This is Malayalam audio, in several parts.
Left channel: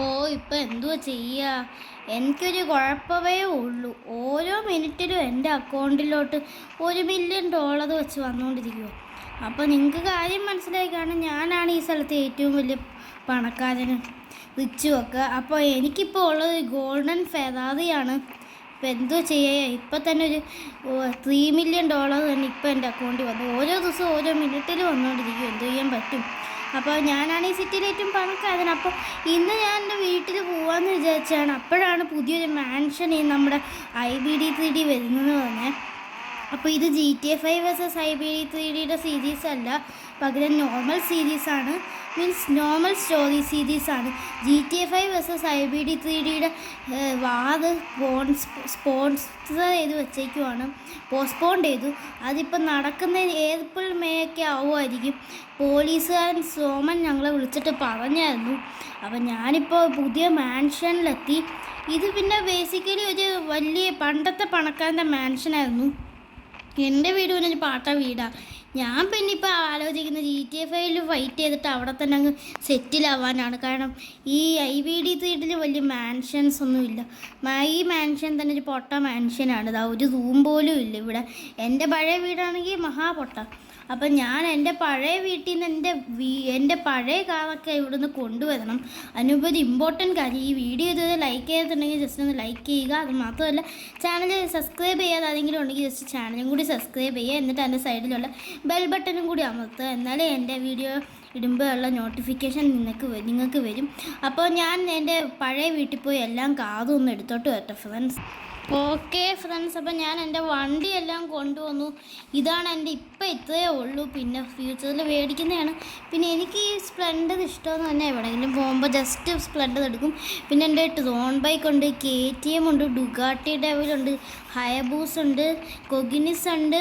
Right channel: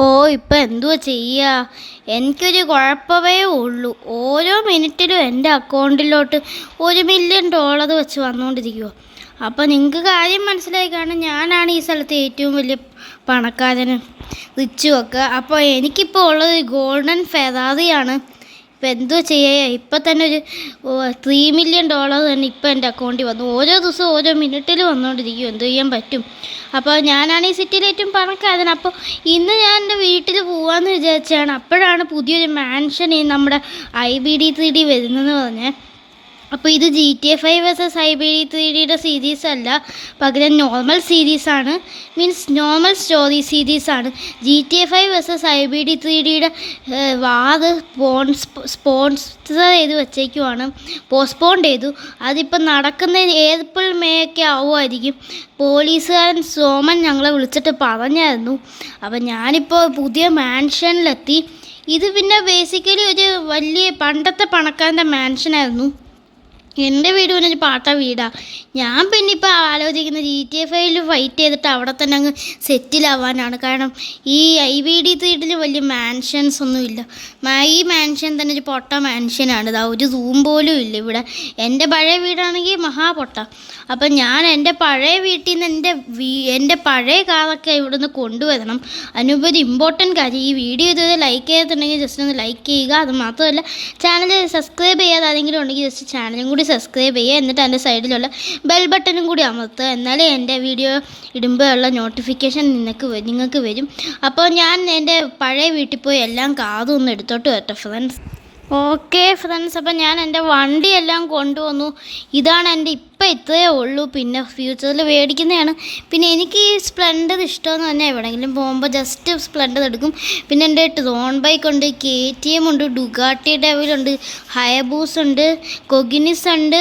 ഓ ഇപ്പം എന്തുവാ ചെയ്യുക? എനിക്കൊരു കുഴപ്പമേ ഉള്ളൂ. ഓരോ മിനിറ്റിലും എൻ്റെ അക്കൗണ്ടിലോട്ട് $1 മില്യൺ വെച്ച് വന്നുകൊണ്ടിരിക്കുവോ. അപ്പോൾ നിങ്ങൾക്ക് കാര്യം മനസ്സിലായി കാണും, ഞാനാണ് ഈ സ്ഥലത്തെ ഏറ്റവും വലിയ പണക്കാരന്, റിച്ചുമൊക്കെ. അപ്പോൾ എനിക്കിപ്പോൾ ഉള്ളത് ഗോൾഡൻ ഫെറാറിയാണ്. ഇപ്പം എന്തോ ചെയ്യുക, ഇപ്പം തന്നെ ഒരു $3 മില്യൺ തന്നെ ഇപ്പം എൻ്റെ അക്കൗണ്ടിൽ വന്നു. ഓരോ ദിവസവും ഓരോ മിനിറ്റിൽ വന്നുകൊണ്ടിരിക്കും. എന്ത് ചെയ്യാൻ പറ്റും? അപ്പോൾ ഞാനാണ് ഈ സിറ്റിയിലെ ഏറ്റവും പണക്കാരൻ. അപ്പോൾ ഇന്ന് ഞാൻ എൻ്റെ വീട്ടിൽ പോകാമെന്ന് വിചാരിച്ചാണ്. അപ്പോഴാണ് പുതിയൊരു മാൻഷൻ ഈ നമ്മുടെ IBD3D വരുന്നതെന്ന് പറഞ്ഞത്. അപ്പോൾ ഇത് GTA 5 വേഴ്സസ് IBD3Dയുടെ സീരീസ് അല്ല, പകരം നോർമൽ സീരീസാണ്. മീൻസ് നോർമൽ സ്റ്റോറി സീരീസാണ്. GTA 5 വേഴ്സസ് IBD3Dയുടെ വാത് സ്പോൺസർ ചെയ്ത് വെച്ചേക്കുവാണ്, പോസ്റ്റ്പോണ്ട് ചെയ്തു. അതിപ്പോൾ നടക്കുന്ന ഏപ്രിൽ മെയ് ഒക്കെ ആവുമായിരിക്കും. പോലീസുകാരൻ സോമൻ ഞങ്ങളെ വിളിച്ചിട്ട് പറഞ്ഞായിരുന്നു. അപ്പം ഞാനിപ്പോൾ പുതിയ മാൻഷനിലെത്തി. ഇത് പിന്നെ ബേസിക്കലി ഒരു വലിയ പണ്ടത്തെ പണക്കാരൻ്റെ മാൻഷനായിരുന്നു. എൻ്റെ വീട് പിന്നെ ഒരു പാട്ട വീടാണ്. ഞാൻ പിന്നെ ഇപ്പോൾ ആലോചിക്കുന്നത് GTA 5 ഫൈറ്റ് ചെയ്തിട്ട് അവിടെ തന്നെ അങ്ങ് സെറ്റിലാവാനാണ്. കാരണം ഈ IBD3 വലിയ മാൻഷൻസ് ഒന്നുമില്ല. ഈ മാൻഷൻ തന്നെ ഒരു പൊട്ട മാൻഷനാണ്. ഇതാ ഒരു റൂം പോലും ഇല്ല ഇവിടെ. എൻ്റെ പഴയ വീടാണെങ്കിൽ മഹാപൊട്ട. അപ്പം ഞാൻ എൻ്റെ പഴയ വീട്ടിൽ നിന്ന് എൻ്റെ പഴയ കാറൊക്കെ ഇവിടെ നിന്ന് കൊണ്ടുവരണം. അതിനുപരി ഇമ്പോർട്ടൻറ്റ് കാര്യം, ഈ വീഡിയോ ഇതുവരെ ലൈക്ക് ചെയ്തിട്ടുണ്ടെങ്കിൽ ജസ്റ്റ് ഒന്ന് ലൈക്ക് ചെയ്യുക. അത് മാത്രമല്ല, ചാനൽ സബ്സ്ക്രൈബ് ചെയ്യാതെ ആരെങ്കിലും ഉണ്ടെങ്കിൽ ജസ്റ്റ് ചാനലും കൂടി സബ്സ്ക്രൈബ് ചെയ്യുക. എന്നിട്ട് അതിൻ്റെ സൈഡിലുള്ള ബെൽ ബട്ടണും കൂടി അമർത്തുക. എന്നാലേ എൻ്റെ വീഡിയോ ഇടുമ്പോഴുള്ള നോട്ടിഫിക്കേഷൻ നിങ്ങൾക്ക് വരും. അപ്പോൾ ഞാൻ എൻ്റെ പഴയ വീട്ടിൽ പോയി എല്ലാം കാതും ഒന്ന് എടുത്തോട്ട് വരട്ടെ ഫ്രണ്ട്സ്. ഓക്കെ ഫ്രണ്ട്സ്, അപ്പം ഞാൻ എൻ്റെ വണ്ടിയെല്ലാം കൊണ്ടുവന്നു. ഇതാണ് എൻ്റെ ഇപ്പം ഇത്രയേ ഉള്ളൂ. പിന്നെ ഫ്യൂച്ചറിൽ മേടിക്കുന്നതാണ്. പിന്നെ എനിക്ക് ഈ സ്പ്ലെൻഡർ ഇഷ്ടമെന്ന് തന്നെ, എവിടെയെങ്കിലും പോകുമ്പോൾ ജസ്റ്റ് സ്പ്ലെൻഡർ എടുക്കും. പിന്നെ എൻ്റെ ഡ്രോൺ ബൈക്ക് ഉണ്ട്, KTM ഉണ്ട്, ഡുഗാട്ടി ഡെവിലുണ്ട്, ഹയബൂസ് ഉണ്ട്, കൊഗിനിസ് ഉണ്ട്,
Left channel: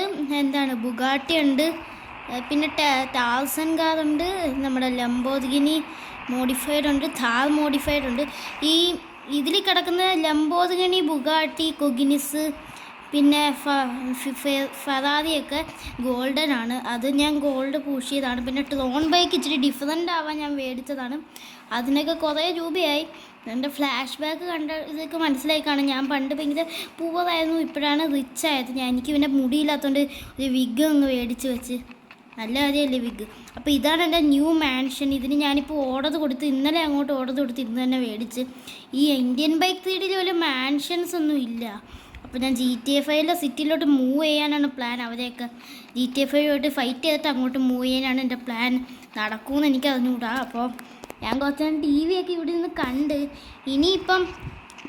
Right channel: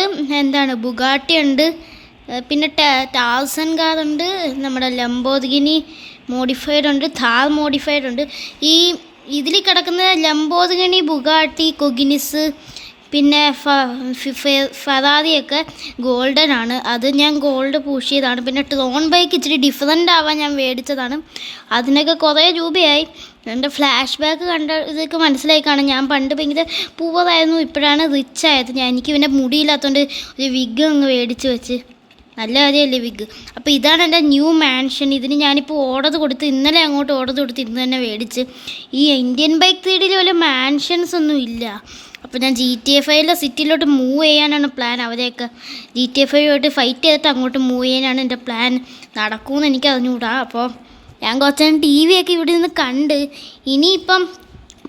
ബുഗാട്ടി ഉണ്ട്, പിന്നെ ടാർസൻ കാർ ഉണ്ട്, നമ്മുടെ ലംബോർഗിനി മോഡിഫൈഡ് ഉണ്ട്, ഥാർ മോഡിഫൈഡ് ഉണ്ട്. ഈ ഇതിൽ കിടക്കുന്ന ലംബോർഗിനി, ബുഗാട്ടി, കൊഗിനിസ്, പിന്നെ ഫെറാറിയൊക്കെ ഗോൾഡൻ ആണ്. അത് ഞാൻ ഗോൾഡ് പൂഷ് ചെയ്തതാണ്. പിന്നെ ഡ്രോൺ ബൈക്ക് ഇച്ചിരി ഡിഫറെൻ്റ് ആവാൻ ഞാൻ മേടിച്ചതാണ്. അതിനൊക്കെ കുറേ രൂപയായി. എൻ്റെ ഫ്ലാഷ് ബാക്ക് കണ്ട ഇതൊക്കെ മനസ്സിലായി കാണും. ഞാൻ പണ്ട് ഭയങ്കര പൂവറായിരുന്നു, ഇപ്പോഴാണ് റിച്ച് ആയത്. എനിക്ക് പിന്നെ മുടിയില്ലാത്തതുകൊണ്ട് ഒരു വിഗ് അങ്ങ് മേടിച്ച് വെച്ച്. നല്ല കാര്യമല്ലേ വിഗ്. അപ്പോൾ ഇതാണ് എൻ്റെ ന്യൂ മാൻഷൻ. ഇതിന് ഞാനിപ്പോൾ ഓർഡർ കൊടുത്ത്, ഇന്നലെ അങ്ങോട്ട് ഓർഡർ കൊടുത്ത് ഇന്ന് തന്നെ മേടിച്ച്. ഈ ഇന്ത്യൻ ബൈക്ക് 3Dയിൽ വല്ല മാൻഷൻസ് ഒന്നും ഇല്ല. അപ്പോൾ ഞാൻ GTA 5 സിറ്റിയിലോട്ട് മൂവ് ചെയ്യാനാണ് പ്ലാൻ. അവരെയൊക്കെ GTA 5 ഫൈറ്റ് ചെയ്തിട്ട് അങ്ങോട്ട് മൂവ് ചെയ്യാനാണ് എൻ്റെ പ്ലാൻ. നടക്കുമെന്ന് എനിക്ക് അറിഞ്ഞുകൂടാ. അപ്പോൾ ഞാൻ കുറച്ച് TV ഒക്കെ ഇവിടെ നിന്ന് കണ്ട്. ഇനിയിപ്പം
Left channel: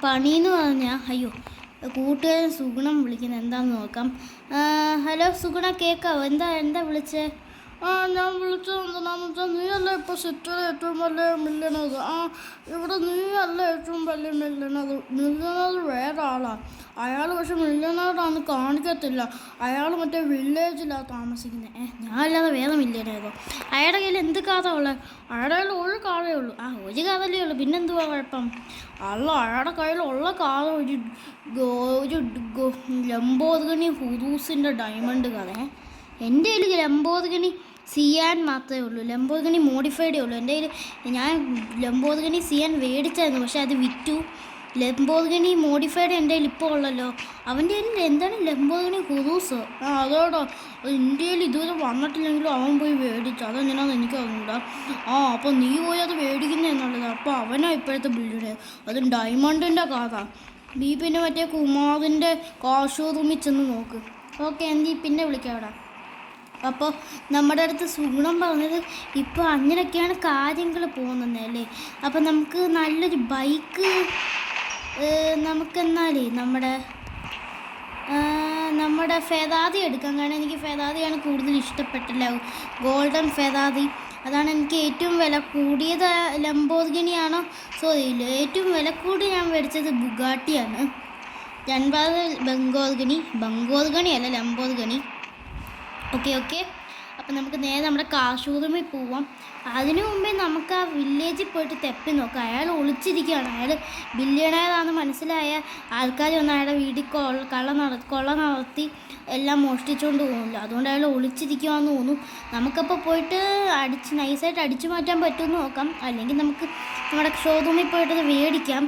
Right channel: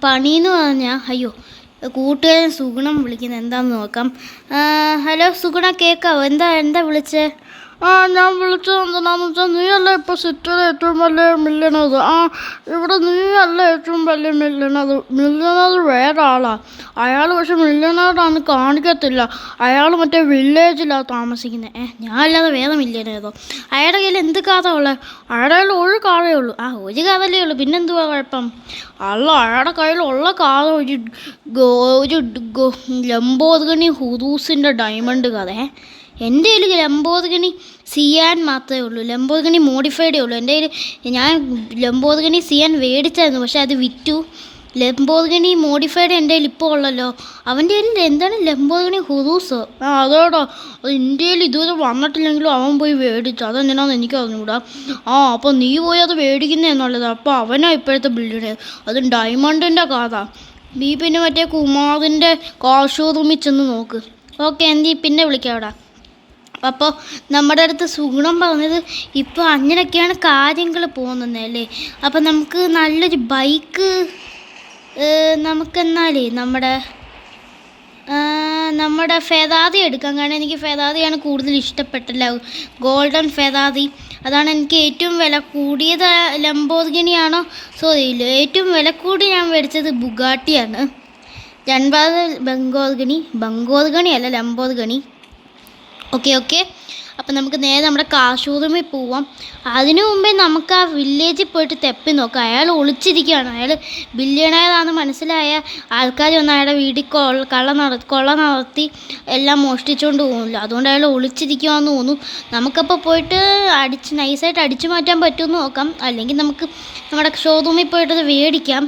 പണിയെന്ന് പറഞ്ഞാൽ, അയ്യോ കൂട്ടുകാരൻ സുഗുണം വിളിക്കുന്നത്, എന്താണെന്ന് നോക്കാം. ഹലോ സുഗുണ, കേൾക്കാവോ? എന്താ വിളിച്ചേ? ഞാൻ വിളിച്ചത് എന്താണെന്ന് വെച്ചാൽ, നീ അല്ലേ ഇപ്പോൾ സിറ്റിയിലെ ഏറ്റവും വലിയ മില്യണർ. ഇവിടെ നീ അല്ല ഏറ്റവും വലിയ മില്യണർ വേറെ ആളാണ്. അയാൾ പക്ഷെ മില്യണറാന്ന് കാണിക്കത്തില്ല. അയാൾ മറ്റേ വില്ലേജിലാണ് താമസിക്കുന്നത്. ഞാൻ അല്ലാതെ വേറെ മില്യണറോ? അയാളുടെ കയ്യിൽ എന്ത് കാറാണ് ഉള്ളത്? അയാളുടെ കയ്യിൽ ഒരു കാറേ ഉള്ളൂ. ഒരു കാറല്ലേ ഉള്ളൂ, പിന്നെന്തുവാ കുഴപ്പം? അല്ല, അയാളുടെ കയ്യിലുള്ള കാർ ഒരു ലംബോർഗിനി ഹുറൂസിൻ്റെ ഡയമണ്ട് കാറേ. എൻ്റെ കയ്യിൽ ലംബോർഗിനി സിയാൻ മാത്രമേ ഉള്ളൂ. ലംബോർഗിനി മോഡിഫൈഡേ ഉള്ളൂ എൻ്റെ കയ്യിൽ. ഞാൻ ലംബോർഗിനി സിയാൻ മേടിച്ചായിരുന്നു, പക്ഷെ അത് വിറ്റു. ലംബോർഗിനി മോഡിഫൈഡ് എൻ്റെ കയ്യിൽ ഇപ്പോൾ ഉള്ളല്ലോ. അവൻ്റെ കയ്യിൽ എന്താണ് ലംബോർഗിനി ഹുറൂസ്? അതോടാ, ഇന്ത്യയിൽ ഇതുവരെ വന്നിട്ടില്ലെങ്കിലും അവൻ പോയി മേടിച്ചു. അതെന്തിനാന്ന് എനിക്ക് അറിഞ്ഞൂടാ. അപ്പോൾ നീ പോയി അത് മേടിക്കുന്നതെന്നുള്ളത്. അപ്പോൾ അവനാ ഇപ്പോഴത്തെ ബിൽഡിങ്. അതും ഡയമണ്ടിൻ്റെ കാറാ. നീ പിന്നെ മറ്റേ കുമാറിൻ്റെ കാർ ഷോറൂമിൽ ചെന്ന് നോക്ക്. ഓക്കെ, എന്തി പിന്നെ വിളിക്കാം അവിടെ. അപ്പോൾ നമ്മുടെ അടുത്ത് സുഗുണം പറഞ്ഞത് ഇപ്പോൾ അങ്ങനെയൊക്കെയാണ് കാര്യങ്ങൾ പോകുന്നതല്ലേ. അപ്പോൾ നമുക്ക് നല്ലൊരു ബൈക്ക് നമുക്കെന്നാലേ നമ്മുടെ ഫെറാറി എടുക്കാം. കാരണം എനിക്ക് ഫെറാറിയാണ് കൂടുതൽ ഇഷ്ടപ്പെട്ടല്ല, ഗോൾഡൻ ഫെറാറി. അതാണ് എനിക്ക് ഏറ്റവും വില കൂടിയത്. ലംബോർഗിനിയാണോ ഏറ്റവും വില കൂടി ഞാൻ മേടിച്ചത് ബുഗാട്ടിയാണ്. ബംഗോർഗിനി അല്ല, ലംബോർഗിനി. ഓക്കെ. അപ്പം നമുക്ക് നേരെ നമ്മുടെ കാർ ഷോറൂമിൽ പോവാം. അതിനു മുമ്പേ നമുക്ക് ആ വില്ലേജിൽ പോയിട്ട് തെപ്പി നോക്കാം. അയാൾ ഒളിച്ചിരിക്കുകയാണ്. അയാൾ ബില്യണയറാണെന്ന് മനസ്സിലായ ആൾക്കാർ വന്ന് അയാളുടെ വീട്ടിൽ കൊള്ള നടത്തി എല്ലാം മോഷ്ടിച്ചുകൊണ്ട് പോകുന്നില്ല. അതുകൊണ്ട് അയാൾ ഒളിച്ചിരിക്കുകയെന്ന് തോന്നുന്നു. നമുക്കപ്പോൾ പോയിട്ട് നൈസായിട്ട് അടിച്ചു മാറ്റാൻ പറ്റുമെന്ന് നോക്കാം. അല്ലെങ്കിൽ നമുക്ക് നമ്മുടെ ഷോറൂമിൽ പോയിട്ടത് മേടിക്കാം.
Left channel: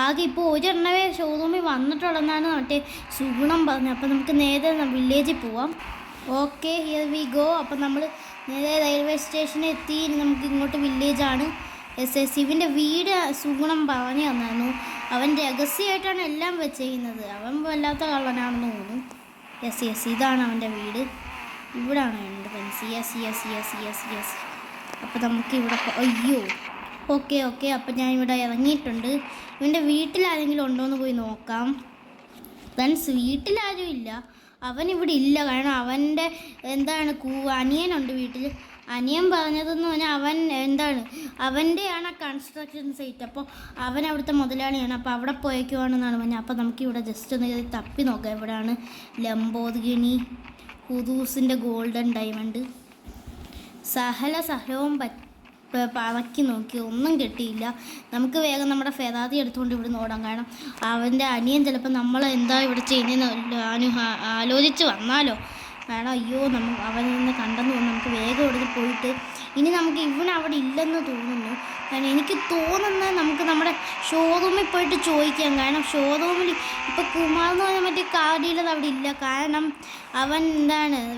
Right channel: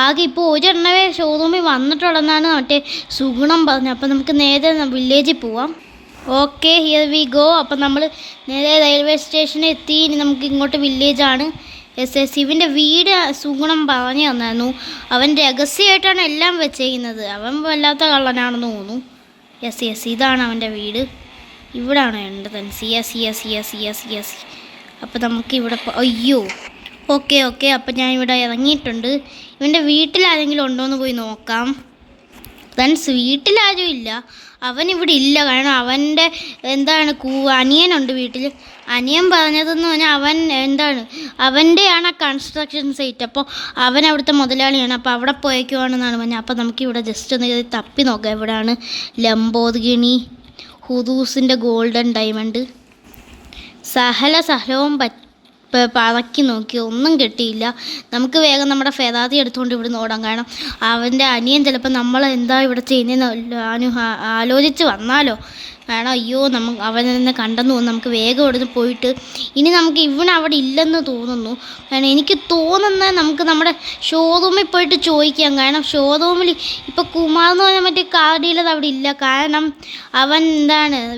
ആകെ ഇപ്പോൾ ഒരെണ്ണവേ ഷോറൂമിൽ വന്നിട്ടുള്ളതെന്നാണ് മറ്റേ സുഗുണം പറഞ്ഞത്. അപ്പം നമുക്ക് നേരെ വില്ലേജിൽ പോവാം. Okay, here we go. അപ്പം നമ്മൾ നേരെ റെയിൽവേ സ്റ്റേഷനിൽ എത്തി. ഇനി നമുക്ക് ഇങ്ങോട്ട് വില്ലേജാണ്. ഇവൻ്റെ വീട് സുഗുണം പറഞ്ഞു തന്നായിരുന്നു. അവൻ രഹസ്യമായിട്ടാണ് എല്ലാം വെച്ചേക്കുന്നത്. അവൻ വല്ലാത്ത കള്ളനാണെന്ന് തോന്നുന്നു. യെസ് ഇതാണ് അവൻ്റെ വീട്. ഇവിടാണ് എൻ്റെ തൻസി. യെസ്. അപ്പം നമുക്ക് ഇവിടെ അയ്യോ ഓക്കെ അപ്പം ഞാൻ ഇവിടെ ഇറങ്ങിയിട്ടുണ്ട്. ഇവൻ്റെ വീട്ടിലാരെങ്കിലും ഉണ്ടോയെന്ന് പോയി നോക്കാം. ഫ്രണ്ട്സ്, വീട്ടിലാരും ഇല്ല. അവൻ ഇവിടെ ഇല്ല. കാരണം അവൻ്റെ അനിയനുണ്ട് വീട്ടിൽ. അനിയൻ പറഞ്ഞതെന്ന് പറഞ്ഞാൽ അവൻ്റെയാണ് ആ കൺസ്ട്രക്ഷൻ സൈറ്റ്. അപ്പോൾ അവൻ അവിടുത്തെ മുതലാളിയാണ്. അപ്പോൾ അവിടെ പോയേക്കുവാണെന്നാണ് പറഞ്ഞത്. അപ്പോൾ നമുക്കിവിടെ ജസ്റ്റ് ഒന്ന് തപ്പി നോക്കാം. എവിടെയാണ് ലംബോർഗിനി ഹുദൂസിൻ്റെ ഗോൾഡൻ ഡയമണ്ട്. സഹലവും പറക്കി നോക്കി, ഒന്നും കിട്ടിയില്ല. നമുക്ക് വേഗം നമ്മുടെ ഫെറാറി എടുത്തുകൊണ്ട് ഇവിടെ ഓടാം. കാരണം അവൻ്റെ അനിയൻ ചിലപ്പോൾ നമ്മൾ എന്താ ഇവിടെ ചെയ്യുന്നതെന്ന് ആലോചിച്ച് വന്നാലോ. കാരണം അയ്യോ അവനെ കണ്ടെന്ന് തോന്നുന്നു. നമുക്ക് വേഗം ഇവിടുന്ന് പോയിട്ട് ഇനി നമുക്ക് അവിടെ ഇല്ലെന്ന് തോന്നുന്നു. കാരണം എനിക്ക് തോന്നുന്നത് നമുക്ക് നമ്മുടെ ഷോറൂമിൽ പോയിട്ട് ചോദിക്കാം. കാരണം ഷോറൂമിൽ ഇപ്പോൾ കുമാർ എന്ന് പറഞ്ഞാൽ മറ്റേ കാർ ഡീലർ അവിടെ ഇല്ല. കാരണം അവൻ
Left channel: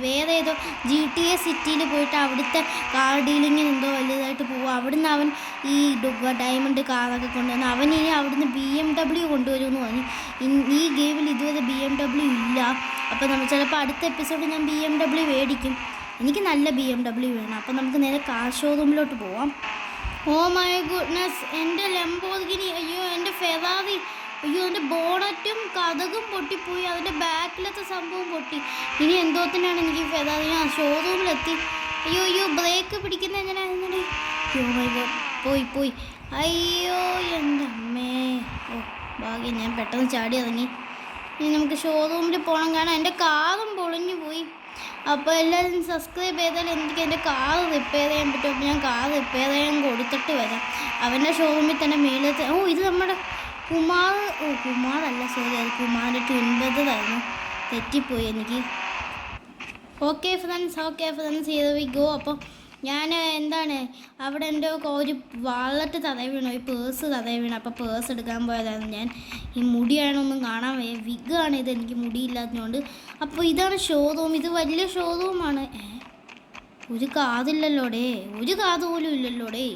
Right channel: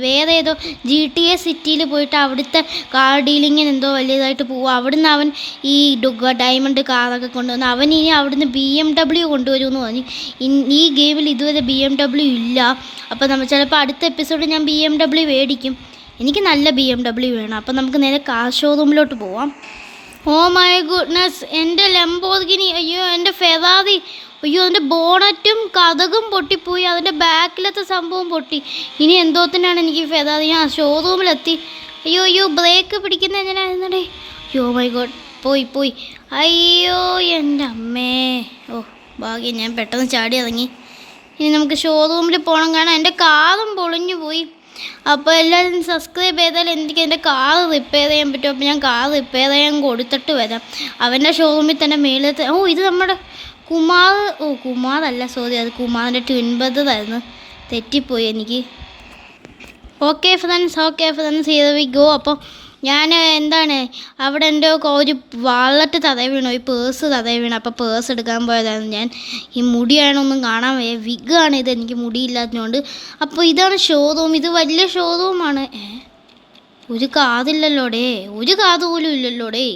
വേറെ ഏതോ GTA സിറ്റിയിൽ പോയിട്ട് അവിടുത്തെ കാർ ഡീലിങ്ങിന് എന്തോ വലിയതായിട്ട് പോവുക. അവിടുന്ന് അവൻ ഈ ഡയമണ്ട് കാറൊക്കെ കൊണ്ടുവന്ന് അവൻ ഇനി അവിടുന്ന് BMW കൊണ്ടുവരുമെന്ന് പറഞ്ഞു. ഈ ഗെയിമിൽ ഇതുവരെ BMW ഇല്ല. അപ്പോൾ നമ്മൾ ചിലപ്പോൾ അടുത്ത എപ്പിസോഡ് ഞാൻ BMW മേടിക്കും. എനിക്ക് നല്ല BMW വേണം. അപ്പം നമുക്ക് നേരെ കാർ ഷോറൂമിലോട്ട് പോവാം. ഓ മൈ ഗുഡ്നസ്, എൻ്റെ ലംബോർഗിനി, അയ്യോ എൻ്റെ ഫെറാറി, അയ്യോ അതിൻ്റെ ബോണറ്റും കതകും പൊട്ടിപ്പോയി. അതിൻ്റെ ബാക്കിലത്തെ സംഭവം പൊട്ടി. ഇനി എന്തോത്തിനാണ് എനിക്ക് ഫെറാറി? ഞാൻ ഷോറൂമിലെത്തി. അയ്യോ ബ്രേക്ക് പിടിക്കുന്നത് എങ്ങനെയായിരുന്നേ? അയ്യോ മൈ ഗോഡ്, പോയി. അയ്യോ എൻ്റെ അമ്മേ. ഓ ഭാഗ്യം, ഞാൻ പെട്ടെന്ന് ചാടി ഇറങ്ങി. ഇനി നമുക്ക് ഷോറൂമിൽ പോകണം. കാരണം എൻ്റെ കാറും പൊളിഞ്ഞു പോയി. അപ്പോൾ എല്ലാവരും സബ്സ്ക്രൈബ് ചെയ്താൽ എനിക്ക് എൻ്റെ കാർ റിപ്പയർ ചെയ്യാൻ പറ്റും. അപ്പോൾ ഞാൻ കാർ റിപ്പയർ ചെയ്യാൻ കൊടുത്തിട്ട് വരാം. അവൻ്റെ ഷോറൂമിൽ തന്നെ മേളത്തെ ഇത് നമ്മുടെ കുമാറല്ല, സോറി, അത് കുമാറിൻ്റെ ട്വിൻ ബ്രദറായിരുന്നു. തെറ്റിപ്പോയി എനിക്ക്. Okay friends here we go. അപ്പോൾ ഞാൻ അവിടെ എൻ്റെ ഒരു വാളറ്റ് തറയിൽ വീണു, ഈ പേഴ്സ് തറയിൽ വീണു. അപ്പോൾ പേഴ്സ് എടുക്കാൻ പോയതായിരുന്നു ഞാൻ. ഈ മുടിയാണൊന്നും കാണാൻ വയ്യ, വിഗാണ് ഇത്, എനിക്ക് മുടിയില്ലാത്തതുകൊണ്ട്. അപ്പോൾ ഇതാണ് ഷോറൂം. ഇത് വലിയ ഷോറൂമാണ്. ഒരു കാതില്ലല്ലോടേ, ഒരു കാത് പോലും ഇല്ലല്ലോടേ.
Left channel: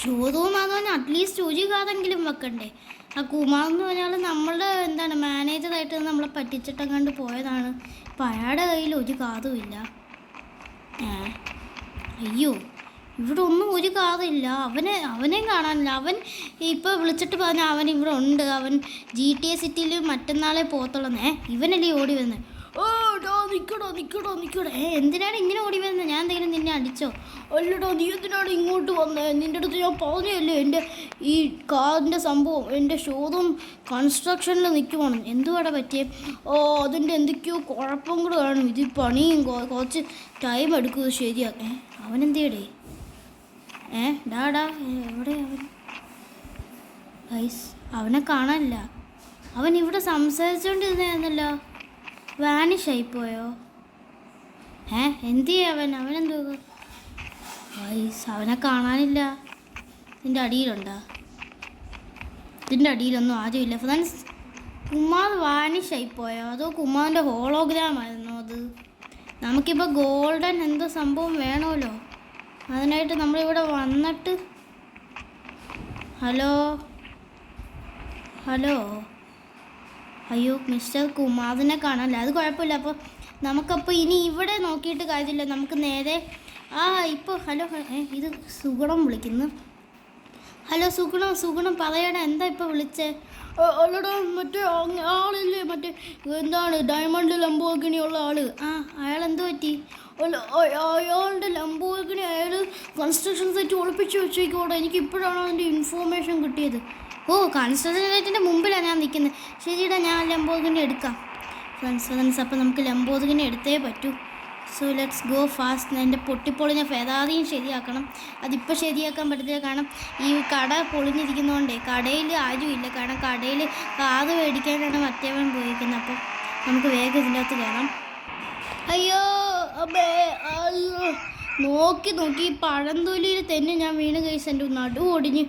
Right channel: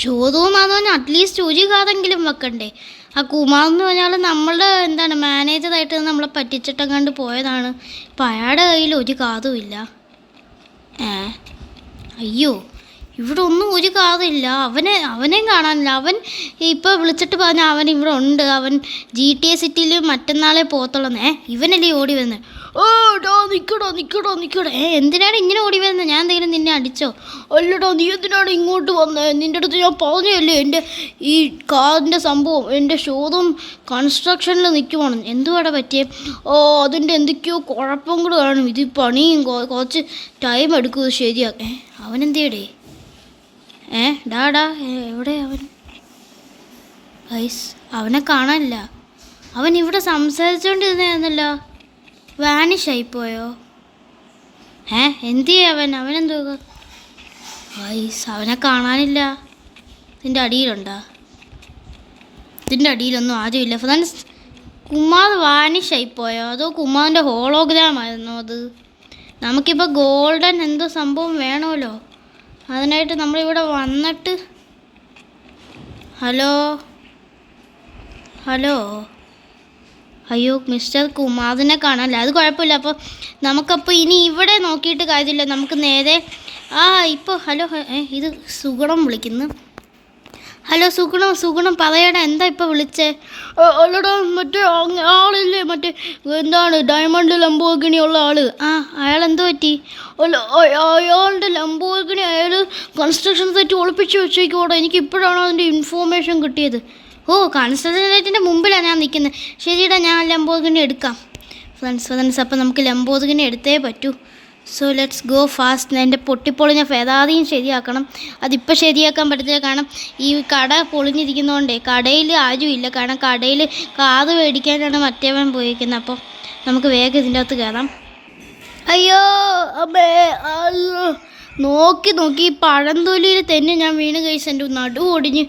ഷോറൂം ആണെന്ന് പറഞ്ഞാൽ അറ്റ്ലീസ്റ്റ് ഒരു കാതെങ്കിലും വെക്കണ്ടേ. ആ കുമാർ എന്ന് പറഞ്ഞാൽ നമ്മളുടെ മാനേജറായിട്ട് നമ്മളെ പറ്റിച്ചിട്ടങ്ങാണ്ട് പോയതാണ്. ഇപ്പം അയാളുടെ കയ്യിൽ ഒരു കാതും ഇല്ല. അയ്യോ, ഇവിടെ ഒന്നും ഒരു കാറില്ല. അവനെയും കാണാനില്ല. അവൻ ഇപ്പോൾ വിളിച്ചിട്ട് പറഞ്ഞാൽ അവൻ ഇവിടെ ഉണ്ട്. അവൻ GTA സിറ്റിയിൽ മറ്റന്നാളെ പോകത്തുള്ളന്നേ. ഇവനല്ലേ ഓടി വരുന്നത്? ഓ ഡാ നിൽക്കടോ. എന്തിനാണ് ഇങ്ങനെ ഓടി വരുന്നത്? ഞാൻ എന്തെങ്കിലും നിന്നെ അടിച്ചോ? അല്ലടാ, നീ എന്തിനാണ് ഇങ്ങോട്ട് വന്നത്? നിൻ്റെ അടുത്ത് ഞാൻ പറഞ്ഞല്ലേ എൻ്റെ ഈ കാറിൻ്റെ സംഭവം എൻ്റെ ഷോറൂം കൺസ്ട്രക്ഷനിൽ നിൽക്കുവാണ്. എന്തുവാടെ പറ്റിയേ? അതിൻ്റെ എന്തൊക്കെയോ കുഴപ്പം കൂടെ കാണും. ഇത് പണിയും കുറച്ച് ടൈം എടുക്കും ശരിയാക്കേ. അവനെന്തേടേ? ഡാ എവിടെ അവൻ? ഗൈസ്, അവനെ കാണാനില്ല. അവൻ ഇവിടെ സംസാരിച്ചുകൊണ്ടിരുന്നായിരുന്നല്ലോ. വാനിഷായിപ്പോയോ? എന്ത് ചെയ്യും അവനെന്തോ? ഗൈസ്, അവനെ കാണാനില്ല. ഇതിൻ്റെ അടിയിലുണ്ടോ? ഇതിൻ്റെ അടിയിലൊന്നും ആരുമില്ല. ഫ്രണ്ട്സ്, കുമാർ വാനിഷായിപ്പോയോ? അതോ കുമാറിൻ്റെ ഹോളോഗ്രാം ആയിരുന്നോ അത്? നമുക്കിപ്പോൾ ഗോൾഡൻ എന്തോ സംഭവം വേണമല്ലോ. അതിനായിട്ട് നമ്മളിവിടെ വന്നിട്ട് ഹലോ അയ്യോ, മിസ്റ്റർ കുമാറിനെ കാണാനില്ല. അത് കുഴപ്പമില്ല. അപ്പോൾ നമുക്കപ്പോൾ ഇനി ഇവിടെ നോക്കിയിട്ട് കാര്യമില്ല. നമുക്ക് നേരെ ഇപ്പോൾ ഹലോ, ഇത് സുഗുണം വിളിക്കുന്നു. ഹലോ സുഗുണം പറയടാ, എന്താ ഇപ്പോൾ വിളിച്ചേ? അല്ലടാ, മറ്റേ ആളില്ലേ, മറ്റേ ഡയമണ്ട് ലംബോർഗിനി ഉള്ള ആള്. അയാൾ എന്തോ പറ്റി? അല്ല, അയാളുടെ ലംബോർഗിനി അയാൾ കൺസ്ട്രക്ഷൻ സൈറ്റ് ഒളിപ്പിച്ച് വെച്ചേക്കോടെ. എനിക്ക് ഇപ്പോഴാണ് അതിൻ്റെ ഇൻഫോർമേഷൻ കിട്ടിയത്. കൺസ്ട്രക്ഷൻ സൈറ്റിൻ്റെ മുമ്പിലാണ് ഞാൻ നിൽക്കുന്നത്. ശരിടാ, ഞാൻ ലംബോർഗിനി എടുക്കാം. ഫ്രണ്ട്സ്, അപ്പോൾ നമുക്ക് ലംബോർഗിനി എടുത്തേ പറ്റൂ. So let's go fast. എൻ്റെ പൊട്ടിപ്പൊളിഞ്ഞ ഫെറാറിയും ശരിയാക്കണം. അതിപ്പോൾ ശരിയാക്കാൻ പറ്റത്തില്ല, കാരണം ഈ കട പൊളിഞ്ഞിരിക്കുന്നതുകൊണ്ടേ കടയിൽ ആരും ഇല്ല. കാരണം കടയിൽ കാറ് മേടിക്കാനാണ് മറ്റേവൻ പോയിരിക്കുന്നത്. അപ്പോൾ നമുക്ക് വേഗം ഇതിൻ്റെ അകത്ത് കയറാം. അയ്യോ അമ്മേ, അയ്യോ നോക്കി നോക്കി ഈ പഴംതൊലിയിൽ തന്നെ ഞാൻ വീണ് കഴിച്ച് എൻ്റെ നടു ഒടിഞ്ഞ്.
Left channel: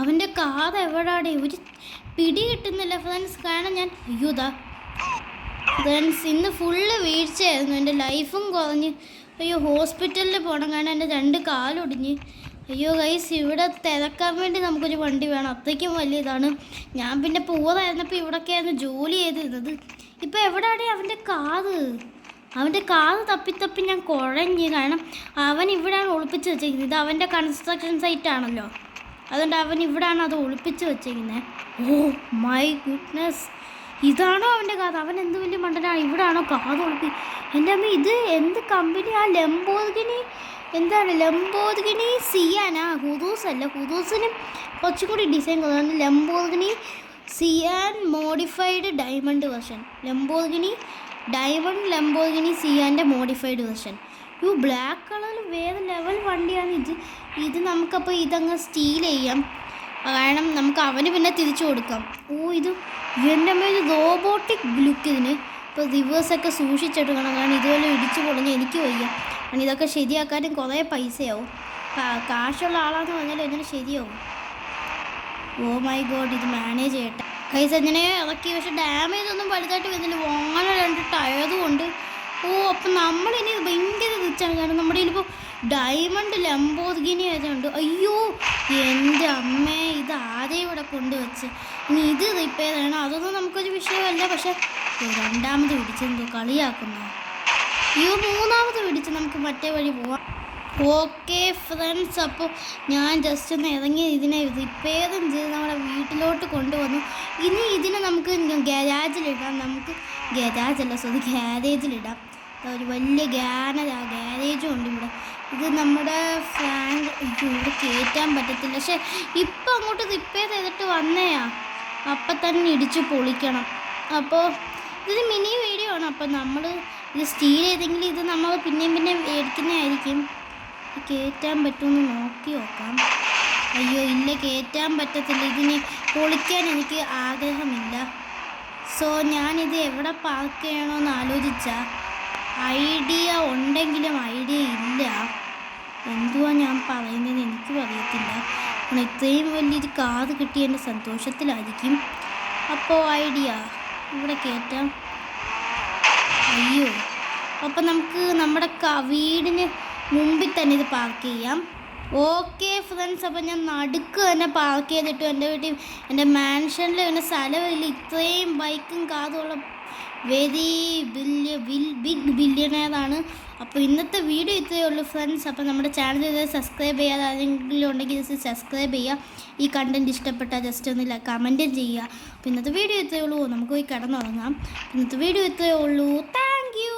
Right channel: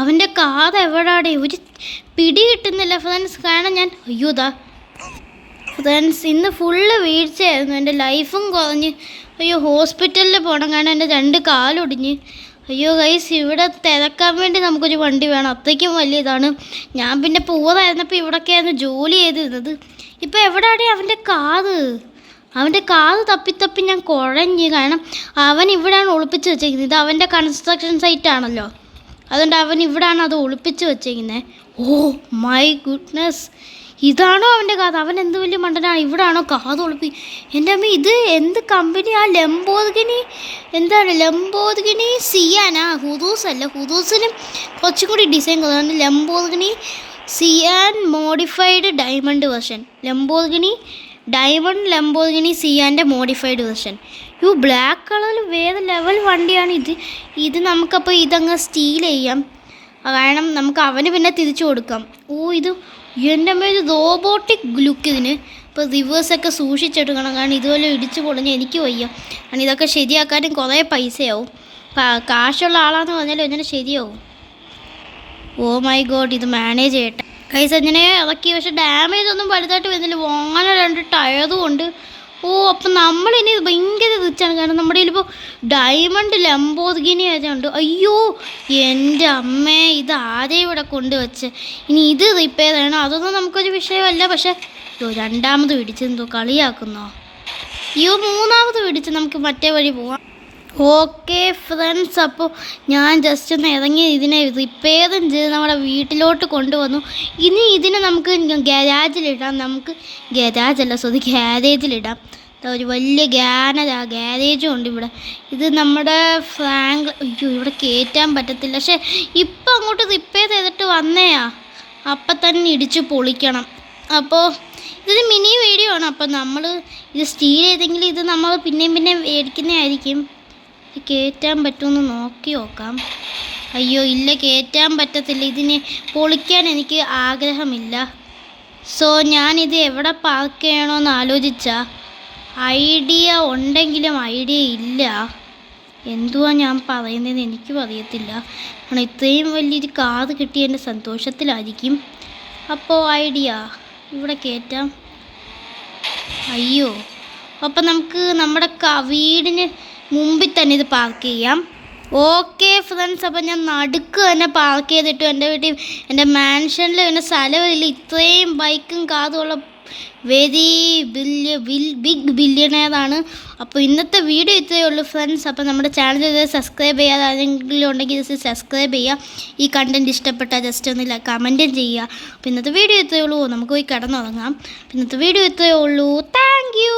അവൻ്റെ കാർ എവിടാടെ ഒരു പിടി കിട്ടുന്നില്ല ഫ്രണ്ട്സ്. കാരണം ഞാൻ അയ്യോതാ ഫ്രണ്ട്സ് ഇന്ന് ഫുള്ള് വീഴ്ചയായിരുന്നു. എൻ്റെ ലൈഫും കുറഞ്ഞ്. അയ്യോ ഹോസ്പിറ്റലിൽ പോകണം, കാരണം എൻ്റെ 2 കാലൊടിഞ്ഞ്. അയ്യോ ഗൈസ്, ഇവിടെ തിരക്കാൻ വേണ്ടി നമുക്കൊരു വണ്ടി വേണം, അത്രയ്ക്കും വലിയ ഇതാണ്. ഞാൻ പിന്നെ പോകാതായിരുന്നപ്പോൾ ഇവിടെയൊക്കെയായിരുന്നു ജോലി ചെയ്തിരുന്നത്. ഇപ്പോൾ എവിടെയാണ് അവൻ്റെ കാറ് തപ്പി ഞാൻ കുഴഞ്ഞ്. കാരണം അവൻ ഇവിടെയാണ് ഒളിപ്പിച്ച് വെച്ചേക്കുന്നത്. ഇത് അവൻ്റെ കൺസ്ട്രക്ഷൻ സൈറ്റാണല്ലോ, അതുകൊണ്ട് അവൻ ഇവിടെയാണ് അത് ഒളിപ്പിച്ച് വെച്ചേക്കുന്നത്. ഓ മൈ ഗുഡ്നസ്, ഇതാണോ അവൻ്റെ കാത്? അവൻ എന്ത് വലിയ മണ്ടനാണ്, ഇവിടാണോ കാത് ഒളിപ്പി? എൻ്റെ അമ്മ, ഇത് എന്ത് കമ്പനി? ആ ലംബോർഗിനി, എന്താണ് ലംബോർഗിനി സിയാനാ? ഹുദൂസ് അല്ല, ഹുദൂസിനും കുറച്ചും കൂടി ഡിസൈൻ കുറവാണ്. Lamborghini Sian modified diamond version. Lamborghini സിയാൻ്റെ മോഡിഫൈഡ് വെർഷൻ. ബ്ലാക്ക് കളറിൽ വേറെ ലെവൽ വണ്ടിയാണ് ഇത്. ഇത് നമുക്കപ്പോൾ ഇതങ്ങ് സ്റ്റീൽ ചെയ്യാം, കാരണം നമുക്ക് അവന് പിന്നെ തിരിച്ചു കൊടുക്കാം. ഇത് എൻ്റെ അമ്മ, ഇത് റോബോട്ടിക് ലുക്ക് ഇതിന്. ഇപ്പോൾ റിവേഴ്സൊക്കെ സൂക്ഷിച്ചെടുക്കണം, കാരണം ഇതുപോലെ ഇടിച്ചു പൊളിഞ്ഞ് എനിക്ക് വയ്യ. കാരണം ഇതൊക്കെ ശരിയാക്കാനും കുറേ പൈസയാവും. കാശുള്ള ആളാന്ന് പറഞ്ഞാലും അങ്ങനെ ശരിയാവും. ഓ മൈ ഗോഡ്, ഇത് മാനേജ് ചെയ്യട്ടെ കൈസ്. അങ്ങനെ ഇറക്കി, പക്ഷെ ഡാമേജ് ഒന്നും വലുതായിട്ട് വരുന്നില്ല. വാങ്ങാൻ 2 ടയറും ഉണ്ട്. അപ്പം നമ്മളിനി ഭയങ്കര റിച്ചാണ്, കാരണം നമ്മുടെ കയ്യിലിപ്പോൾ ഡയമണ്ട് ലംബോർഗിനി ആയതുകൊണ്ട്. അയ്യോ എൻ്റെ അമ്മേ, ഇത് ആരെയും ഇവിടെ കൊണ്ടുവച്ച്. ഇനി ഇത് റിപ്പയർ ചെയ്യണം, അതൊന്നും നമുക്കൊരു വിഷയമല്ല. പക്ഷെ 2ാമത് പിടിച്ചെന്തോ കളിയാക്കുന്നോ? 3ാമത് പിടിച്ച് നമുക്ക് മറ്റേ വഴി പോവാം. ഓക്കെ ഫ്രണ്ട്സ്, അപ്പോൾ ഞാൻ ജസ്റ്റ് ഒന്ന് ഇറങ്ങി ഇതിനെ റിപ്പയറും ചെയ്ത് നമ്മുടെ വീട്ടിലോട്ട് കൊണ്ടുവന്നു. ഇനി ഇതിനെ നമുക്ക് ഗാരേജിലിടാം. ഗ്യാരേജിലിടാം. ഒരു വലിയ ഗാരേജും ഉണ്ട് ഇവിടെ. ഇത് നമ്മുടെ ഇവിടെ കയറ്റാൻ പറ്റത്തില്ല. പക്ഷേ ഇപ്പം അങ്ങോട്ട് റിപ്പയർ ചെയ്തിട്ട് വന്നേയാ, അപ്പം തന്നെ ഇടിച്ച് പൊളിക്കണം. അപ്പോൾ ഇതൊരു മിനി വീഡിയോ ആണ്. അപ്പോൾ നമ്മൾ ഇത് സ്റ്റീൽ ചെയ്തെങ്കിൽ ഇത് നമ്മൾ പിന്നെയും മേടിക്കുന്നതായിരിക്കും. കയറ്റാൻ പറ്റുമെന്ന് നോക്കാം. അയ്യോ ഇല്ല, കയറ്റാൻ പറ്റത്തില്ല. ഇതിന് പൊളിക്കാൻ എനിക്ക് ആഗ്രഹമില്ല. സോ ഞാനിത് എവിടെ പാർക്ക് ചെയ്യണമെന്ന് ആലോചിച്ചാൽ ഐഡിയ ഉണ്ടെങ്കിലും ഐഡിയ ഇല്ല. എന്തുവാ ഞാൻ പറയുന്നതെന്ന് എനിക്കും അറിയത്തില്ല. കാരണം ഇത്രയും വലിയൊരു കാറ് കിട്ടി എൻ്റെ സന്തോഷത്തിലായിരിക്കും. അപ്പോൾ ഐഡിയ ഇവിടെ കയറ്റാം. അയ്യോ, അപ്പം നമുക്ക് നമ്മുടെ വീടിന് മുമ്പിൽ തന്നെ ഇത് പാർക്ക് ചെയ്യാം. ഓക്കെ ഫ്രണ്ട്സ്, അപ്പം ഞാൻ നടുക്ക് തന്നെ പാർക്ക് ചെയ്തിട്ടു. എൻ്റെ വീട്ടിൽ എൻ്റെ മാൻഷനിൽ പിന്നെ സ്ഥലമില്ല. ഇത്രയും ബൈക്കും കാറുള്ള വെരി ബിഗ് ബില്യണയറാണ്. അപ്പോൾ ഇന്നത്തെ വീഡിയോ ഇത്രയേ ഉള്ളൂ ഫ്രണ്ട്സ്. അപ്പോൾ നമ്മുടെ ചാനൽ സബ്സ്ക്രൈബ് ചെയ്യാതെ ആരെങ്കിലും ഉണ്ടെങ്കിൽ ജസ്റ്റ് സബ്സ്ക്രൈബ് ചെയ്യുക. ഈ കണ്ടൻറ്റ് ഇഷ്ടപ്പെട്ടാൽ ജസ്റ്റ് ഒന്നില്ല കമൻറ്റും ചെയ്യുക. അപ്പോൾ ഇന്നത്തെ വീഡിയോ ഇത്രയേ ഉള്ളൂ. നമുക്ക് പോയി കിടന്നുറങ്ങാം. ഇന്നത്തെ വീഡിയോ ഇത്രയേ ഉള്ളൂ. Thank you.